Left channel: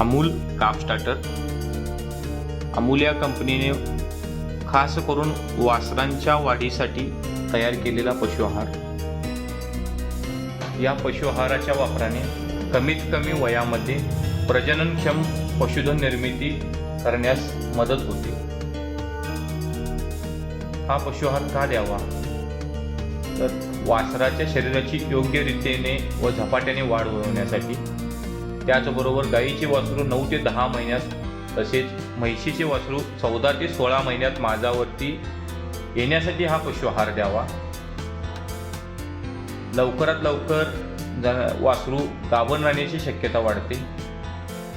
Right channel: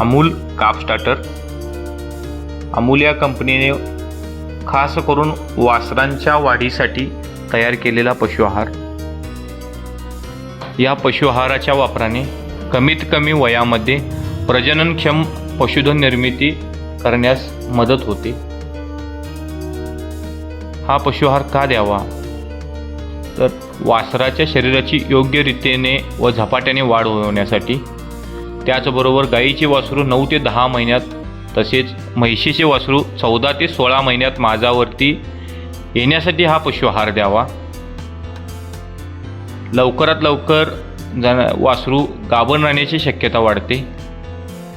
अमूल काप स्टार्टर अमूल या कंपनीने खास करून वासरांच्या वाढीसाठी तयार केलेला पशु आहार. या पशु आहाराच्या वापराने कमीत कमी वयामध्ये प्रजननक्षम पशुधन निर्मिती करण्यास मदत होते. हा पशुहार का द्यावा? तर वासराच्या शरीराची योग्य रीतीने व झपाट्याने वाढ होण्यासाठी त्याचबरोबर गाईचे वासरू नऊ ते दहा महिन्यात तसेच म्हैशीचे वासरू चौदा ते सोळा महिन्यात माझावरती येण्यासाठी हा पशुआहार द्यावा. लवकरात लवकर जण वासरू गाभण राहण्याची शक्यता वाढते.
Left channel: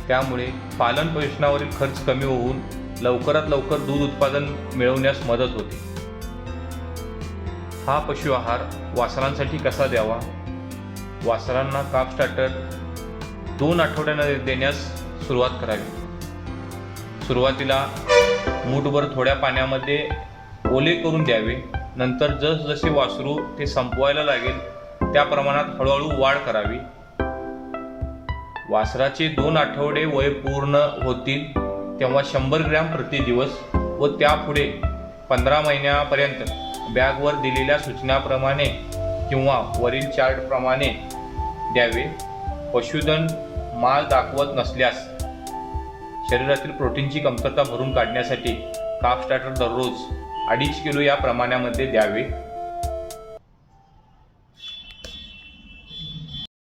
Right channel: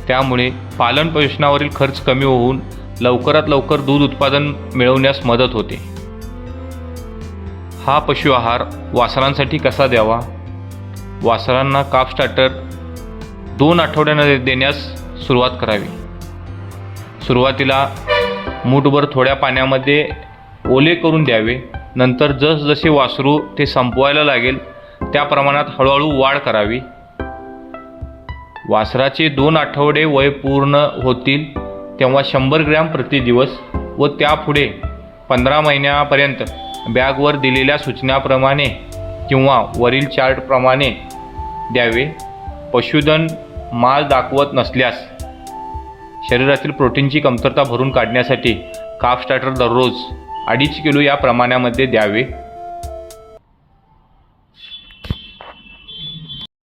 त्यामुळे पालन पोषणावरील खर्च कमी होऊन लवकरात लवकर दूध उत्पादन मिळवण्यास मदत होते. हा पशु आहार वासरांसाठी कसा द्यावा? वासरांना काप स्टार्टर दोन आठवड्यानं देण्यास सुरुवात करावी. सुरुवातीला मूठभर थोड्या पाण्यामध्ये ओले करून द्यावे. नंतर जसजसे वासरू ते संपवायला लागेल त्या प्रमाणात हळूहळू वाढ करावी. वासराचे दोन आठवडे वय पूर्ण होतील तेव्हा शंभर ग्रॅम प्रति दिवस व त्यापुढे पंधरा महिन्यापर्यंत बॅगवर दिलेल्या सूचनाप्रमाणे किंवा वरील चार्टप्रमाणे द्यावे. पशुधन माल दाखवत नसल्यास शरीरातील प्रोटीनची कमतरता भरून काढण्यासाठी काफ स्टार्टर दररोज अडीच किलो या प्रमाणामध्ये द्यावे.